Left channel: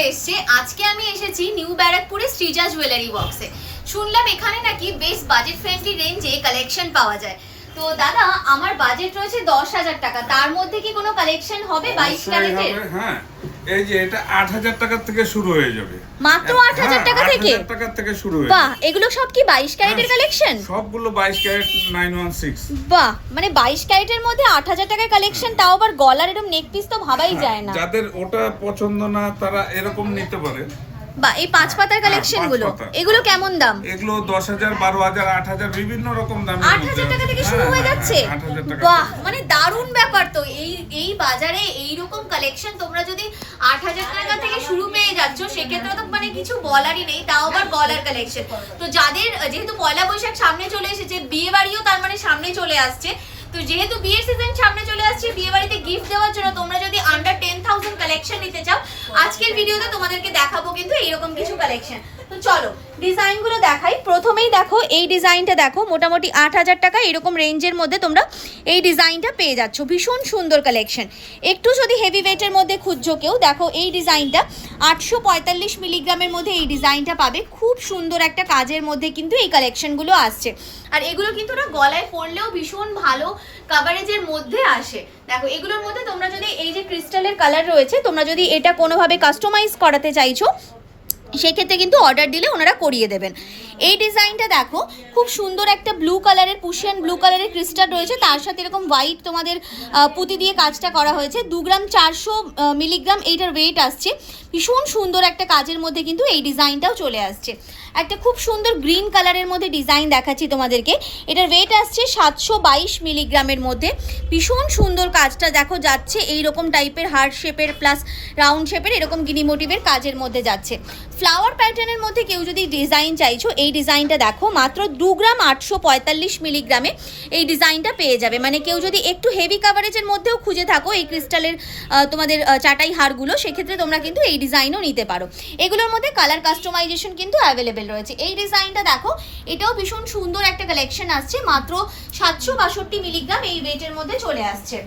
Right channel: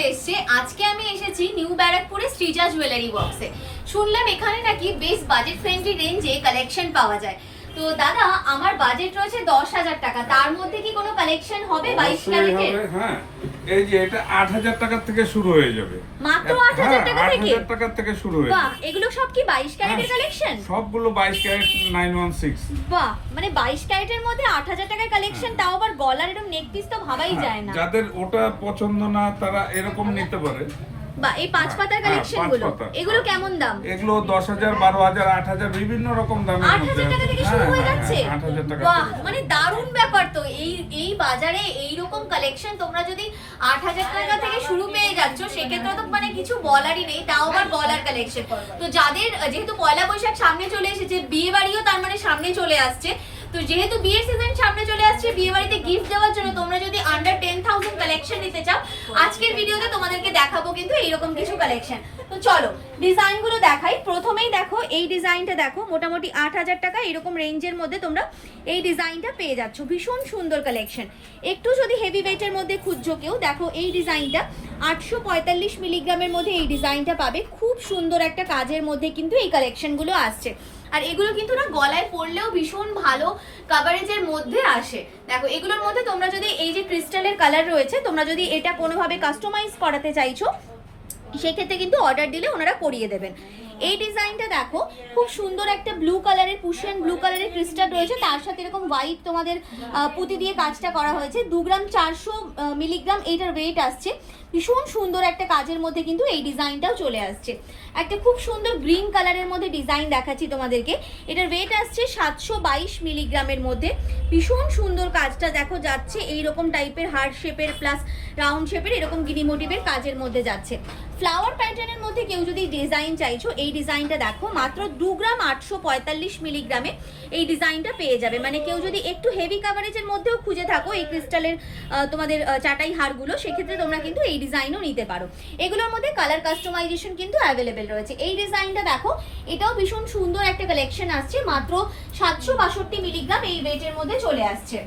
চলে এসেছে। আজকে আমি এসেছি নিউ ব্যারাকপুরে শ্রীজা জুয়েলারি বক্সে। শুনলাম এখানে নাকি বেশ বাজেট ফ্রেন্ডলি রেঞ্জে কালেকশন পাওয়া যায়। তো দাদা, আমার বাজেট রয়েছে 10,000 টাকা, তার মধ্যে কি কোনো কালেকশন হবে 22 ক্যারেটের? হ্যাঁ, এই যে এটা 8,000 টাকা থেকে শুরু হয়ে যাবে। মাত্র 8,000 টাকা থেকে? 8,000 টাকা থেকে শুরু হয়ে বাহ, এগুলো সব কি 22 ক্যারেটের কালেকশন? সবগুলো 22 ক্যারেট 916। বাহ, মানে 22 ক্যারেটের মধ্যে 8,000 টাকার কালেকশন, তাও আবার গলার এরকম নেক পিস তো ভাবাই যায় না। যাদের ওটা পছন্দ না তারা এরকম নিতে পারে। বা এই 5 পাতার কালেকশন গুলো, এগুলো কেমন দাম? এগুলো 10,000, 12,000, 8,000 বিভিন্ন রকম দামের মধ্যে 8,000 টাকা থেকে শুরু হয়ে যাচ্ছে। 8,000 টাকা। বাহ, মানে দারুণ ব্যাপার তো। এই বাজারে এই রকম কালেকশন তোমরা যদি 8,000 টাকা থেকে শুরু পেয়ে যাচ্ছ, সেক্ষেত্রে তো মানে কিছু বলারই নেই, তাও আবার গলার কালেকশন। তো যাদের যেহেতু পয়লা বৈশাখ সামনে চলে এসেছে, বিয়ে বাড়িও তার মানে সামনে চলে আসছে, তো যেহেতু বিয়ের সিজন সামনে চলে আসছে, বিয়ে বাড়িতে গিফট দেওয়ার জন্য তোমরা যদি আন্ডার 10,000 কালেকশন নিতে চাও, আজকের ভিডিওতে তোমাদেরকে দেখাবো কিন্তু এইরকম কিছু কালেকশন। তো চলো ডিজাইনগুলো দেখাই। প্রথমেই দেখো এই ডিজাইনটা, দেখো মোটামুটি 8,000 টাকা এরকম রেঞ্জের মধ্যে তোমরা এই ডিজাইনটা পেয়ে যাচ্ছ। ভীষণ সুন্দর কালেকশন। একটু যদি হেভি ওয়েটের মধ্যে খুঁজছো কেউ, দেখো এই ডিজাইনটা 845 মিলিগ্রামের মধ্যে এই ডিজাইনটা পাবে। খুব সুন্দর একটা কাজের মধ্যে কিন্তু এই কালেকশনগুলো আসছে। আর এগুলো কিন্তু না গলায় পরলেও ভীষণ ভালো কাভারেজের মধ্যে আসে। দেখো এগুলোর মধ্যে তোমরা যদি এই যে ক্রিস্টালের কালার রয়েছে, তোমরা যদি এটা কোনোভাবে কাস্টমাইজ করাতে চাইছো, সেক্ষেত্রে কিন্তু অর্ডার দিলে ওনারা করিয়ে দেবেন। এই ডিজাইনটা দেখো, খুব সুন্দর একটা ব্লু কালারের, পুশিয়ান ব্লু কালারের ক্রিস্টাল রয়েছে, তার সাথে এরকম হোয়াইট তোমাদের পুঁতি দিয়ে কাজটা করা হয়েছে। 2 গ্রাম 400 মিলিগ্রাম এইটার ওয়েট আসছে। ভীষণ সুন্দর একটা কাজের মধ্যে কিন্তু এই ডিজাইনটাও চলে আসছে। একটা খুব সুন্দর গ্রিন কালারের মধ্যে ডিজাইন দেখাচ্ছি তোমাদেরকে। এটার ওয়েট আসছে 722 মিলিগ্রামের মধ্যে। ভীষণ সুন্দর কাজটা দেখো যাচ্ছে এইরকম টাইপের হার্ট শেপের প্লাস রাউন্ড শেপের এরকম গিনি মোটিভের কাজের মধ্যে যাচ্ছে। ফ্লাওয়ার প্যাটার্নের মধ্যে কেউ যদি ডিজাইন চাইছো, এই ডিজাইনটা দেখো মাত্র 2 গ্রাম 845 মিলিগ্রামে এই ডিজাইনটা পেয়ে যাবে। মানে কেউ যদি একটু হেভি কাভারেজের মধ্যেও খুঁজে থাকো এই ক্রিস্টালের তোমাদের চাটাই হারগুলো, সেক্ষেত্রে তোমরা কিন্তু এই ডিজাইনও নিতে পারো। এগুলোর মধ্যে কালার কাস্টমাইজেশন কিন্তু অ্যাভেলেবেল রয়েছে। এই ডিজাইনটা দেখো, এটাও ভীষণ সুন্দর একটা কালেকশন আসছে। মাত্র 762 মিলিগ্রাম এই ওয়েটের মধ্যে চলে আসছে।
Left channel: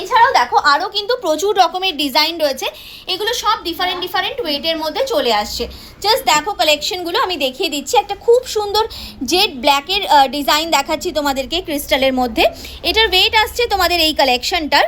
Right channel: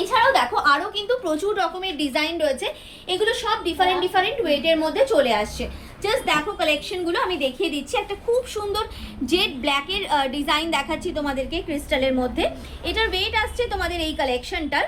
এছাড়াও দেখো আরও কিন্তু প্রচুর রকমের ডিজাইন রয়েছে। এগুলো সব ডিফারেন্ট ওয়েটের মধ্যে চলে আসছে। জাস্ট দেখো কালেকশনগুলো আমি দেখিয়ে দিচ্ছি। একটা খুব সুন্দর জেড ব্ল্যাকের ডিজাইন দেখাচ্ছি তোমাদেরকে ক্রিস্টালের মধ্যে। এটার ওয়েট আসছে তোমাদের এই কালেকশনটার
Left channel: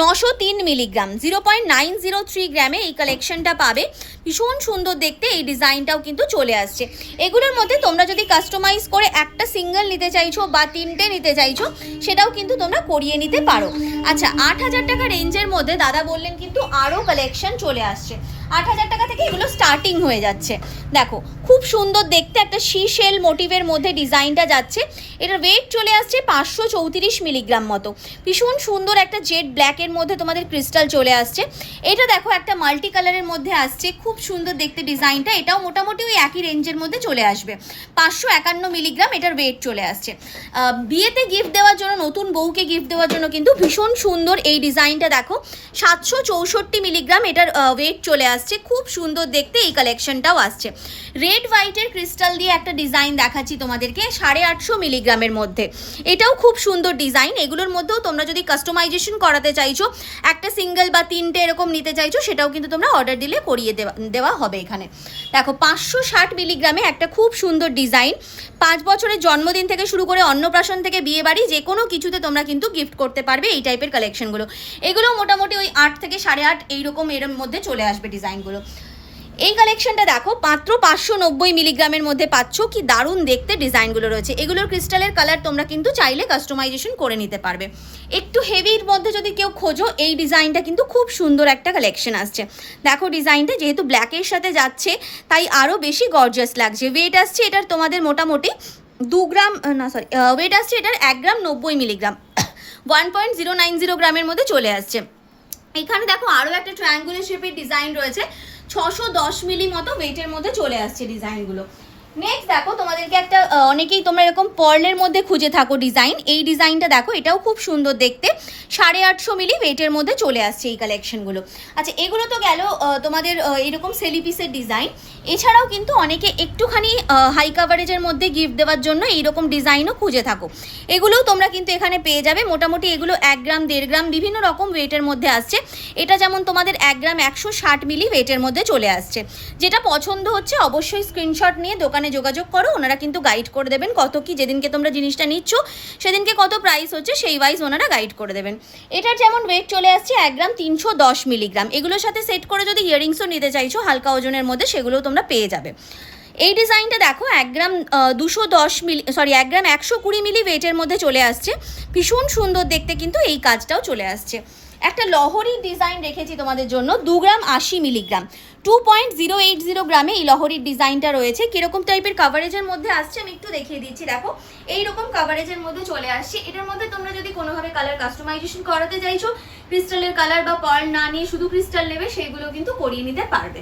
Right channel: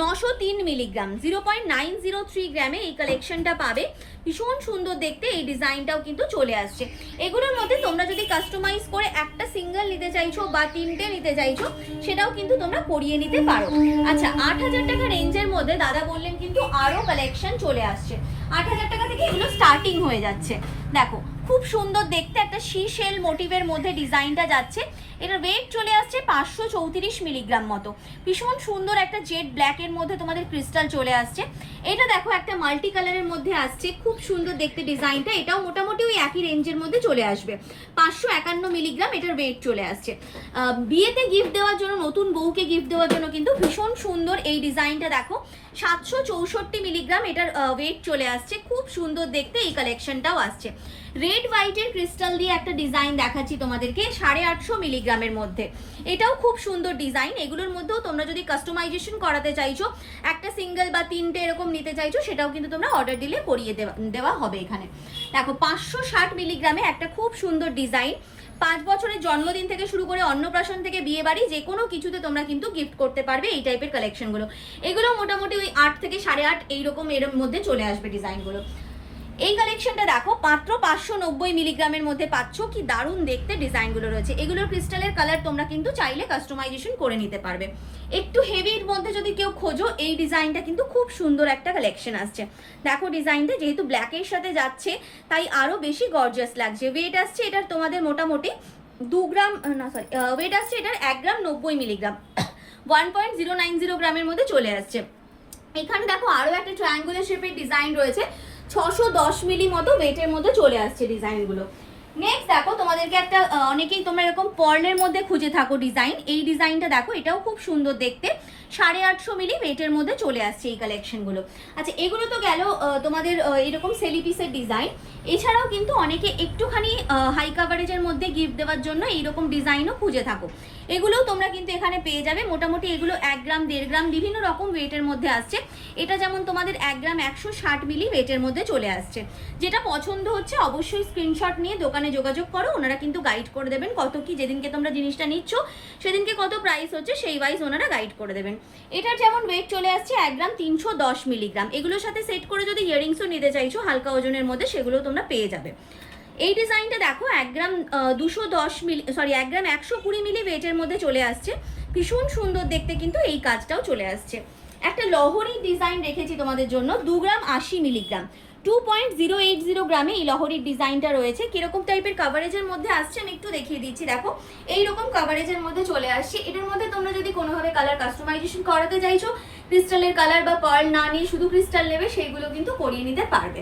903 মিলিগ্রাম, 0.903 গ্রামে এই কালেকশনটা পাবে। ভীষণ সুন্দর দেখতে এই ডিজাইনটাও কিন্তু চলে আসছে। এগুলোর মধ্যে তোমরা যদি কাস্টমাইজ করে একটা সিঙ্গেল নিতে চাইছো বা 3টে নিতে চাইছো, সেটাও কিন্তু তোমরা করিয়ে নিতে পারো। আচ্ছা, 8,000 টাকা রেঞ্জের মধ্যে দাদা বললেন কিন্তু আরও কালেকশন চলে আসছে। 8,000 টাকা থেকে এগুলো স্টার্টিং হয়ে যাচ্ছে। দেখো খুব সুন্দর দেখতে একটা শিশেল মোটিভের মধ্যে ডিজাইনটা যাচ্ছে। এটার ওয়েট চলে আসছে 534 মিলিগ্রাম মতো। ভীষণ সুন্দর একটা জেড ব্ল্যাকের মধ্যে তোমাদের ক্রিস্টাল চলে আসছে। এটা দেখো একটা মাল্টি কালারের মধ্যে আসছে, খুব সুন্দর দেখতে ডিজাইনটা। এটাও মোটামুটি ওই একই রেঞ্জের মধ্যে চলে আসবে। 551 মিলিগ্রাম এটার ওয়েট চলে আসছে। বিয়েতে গিফট দেওয়ার জন্য, নতুন বউকে গিফট দেওয়ার জন্য কিন্তু ভীষণ সুন্দর এই ডিজাইনটা দেখো। 764 মিলিগ্রাম এটার ওয়েট চলে আসছে। খুব সুন্দর দেখতে এই কালেকশনটাও আসছে। রেড হোয়াইটের ক্রিস্টাল দিয়ে একটা ডিজাইন দেখাচ্ছি তোমাদেরকে 850 মিলিগ্রামের মধ্যে। এটাও খুব সুন্দর ডিজাইন। এগুলোর মধ্যেও তোমরা যদি কাস্টমাইজেশন করাতে চাইছো, একটা সিঙ্গেল বা 3টে এরকম নিতে চাইছো, সেটাও কিন্তু তোমরা অর্ডার দিলে করিয়ে দেওয়া হবে। এখানে দেখো 560 মিলিগ্রামে একটা খুব সুন্দর ডিজাইন। 5 বছরের জন্মদিন থেকে শুরু করে অন্নপ্রাশন থেকে বিয়ে বাড়ি যে কোনো কিছুতে তোমরা কিন্তু গিফট করতে পারবে এই টাইপের কালেকশনগুলো। এগুলো মোটামুটি ওই 8 থেকে 8.5 এইরকম এর মধ্যে চলে আসবে ডিজাইনগুলো। এই কালেকশনটা দেখো মাত্র 590 মিলিগ্রামের মধ্যে পাচ্ছ। কি দারুণ দেখতে ডিজাইনগুলো রয়েছে। এগুলোর ক্রিস্টালের কালার তোমরা কিন্তু চাইলে কাস্টমাইজেশন করে নিতে পারবে। একটু হেভির মধ্যে যদি কেউ খোঁজো, এই ডিজাইনটা কিন্তু খুব সুন্দর একটা কালেকশন আসছে। দেখো ডিজাইনটা যেহেতু ব্ল্যাকের সাথে যাচ্ছে, তাই আরও বেশি গর্জিয়াস লাগছে। ওয়েট আসছে এটার তোমাদের মোটামুটি 2 গ্রাম না সরি ওয়েট আসছে এটার 1 গ্রাম 90 মিলিগ্রাম, 1.090 গ্রামের মধ্যে চলে আসছে। এখানে দেখো আরও একটা ট্রায়াঙ্গুলার শেপের ডিজাইন রয়েছে। 610 মিলি মতো ওয়েটের মধ্যে চলে আসছে ডিজাইনগুলো। নেক্সট দেখো তোমাদেরকে একটা অনেকেই তোমরা এরকম পার্লের মধ্যে খুঁজে থাকো ডিজাইন, এই ডিজাইনটা দেখো, এটাও খুব সুন্দর দেখতে, 850 মিলি ওয়েটের মধ্যে চলে আসছে এই কালেকশনগুলো। আচ্ছা এগুলো তো গেল তোমাদের এরকম সেলিপিসের ডিজাইন। এছাড়াও কিন্তু অনেকে একটুখানি হাই কাভারেজের মধ্যে গিফট দেওয়ার জন্য এইরকম ডিজাইনও খুঁজে থাকো, এগুলোও তোমরা কিন্তু এখানে পেয়ে যাবে। মোটামুটি এগুলো 1 গ্রাম 1.5 গ্রাম বিভিন্ন রকম ওয়েটের মধ্যে আসছে। এটা যেমন তোমাদের 1 গ্রাম 160 মিলি ওয়েটের মধ্যে চলে আসছে। যেটা পছন্দ হচ্ছে অবশ্যই স্ক্রিনশট নিয়ে দোকানে যোগাযোগ করো, ওনারা কিন্তু গাইড করে দেবেন কত কি, যেদিনকে তোমরা জিনিসটা নিচ্ছ সেদিনকে কত প্রাইস হচ্ছে সেই ওয়াইজ ওনারা গাইড করে দেবেন। এটার যেমন ওয়েট চলে আসছে 1 গ্রাম 310 মিলিগ্রাম। এগুলোর সাথে সেট করে যদি ইয়ারিংসও নিতে চাইছো হালকা ওজনের মধ্যে সেগুলো তোমরা পেয়ে যাবে। এই ডিজাইনটা দেখো 1 গ্রাম 1 গ্রাম 120 মিলি ওয়েটের মধ্যে চলে আসছে, ভীষণ সুন্দর দেখতে কিন্তু এই কাজটাও চলে আসছে। একটা লহরি ডিজাইন রেখেছি তোমাদের জন্য 2 গ্রাম 80 মিলিগ্রাম, 2.080 গ্রামে এই লহরির ডিজাইনটা রয়েছে। কিরকম টাইপের কাভারেজের মধ্যে আসছে আমি একটু দেখিয়ে দিচ্ছি, দেখো এইরকম কাভারেজের মধ্যে চলে আসছে। এটার মধ্যে তোমরা যদি কোনোভাবে কালার কাস্টমাইজেশন করাতে চাইছো, ক্রিস্টালের কালার বা পার্ল না নিয়ে শুধু ক্রিস্টাল নেবে, সেগুলো কিন্তু করিয়ে নিতে পারবে।